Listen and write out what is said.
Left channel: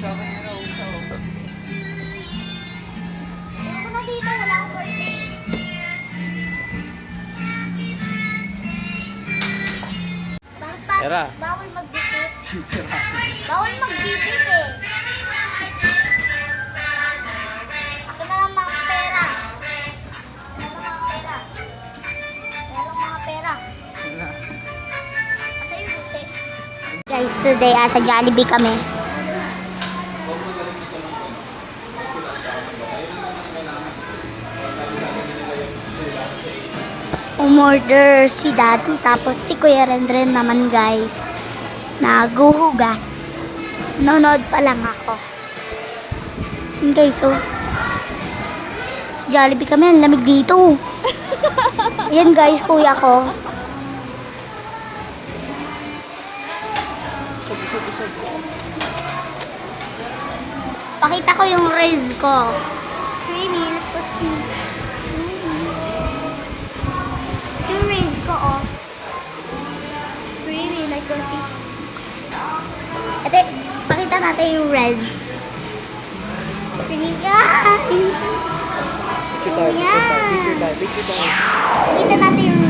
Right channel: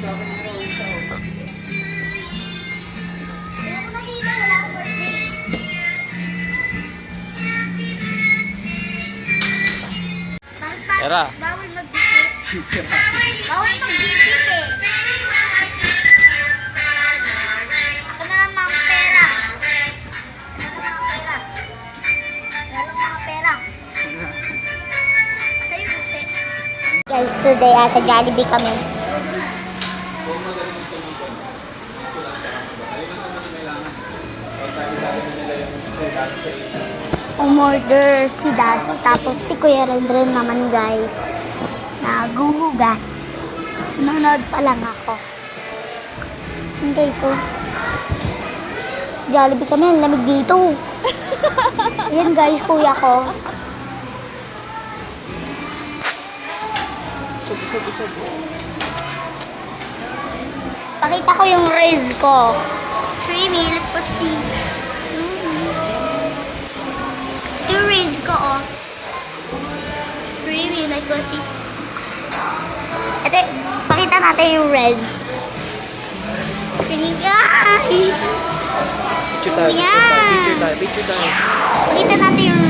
Era. Bawal magbibit. Bawal magbibit eh. Ako na lang mga pera. Ano lang mga pera? Ano lang mga pera? Asa yung busi? Guys, today sa Jollibee kami. Umorder si Daddy, tapos si Kuya Rendren naman guys, naguhugas. Nanonood pa lang ako. Yun guys, so sa Jollibee kami, ang lamig dito. Yan guys, kuya ko. Pakita ko yung raise ko. 3 meal po si yung raise ko, oh. Creamy, like ko si. Ate, pakita natin yung raise. Creamy, guys! Picture tayo. Pakita natin yung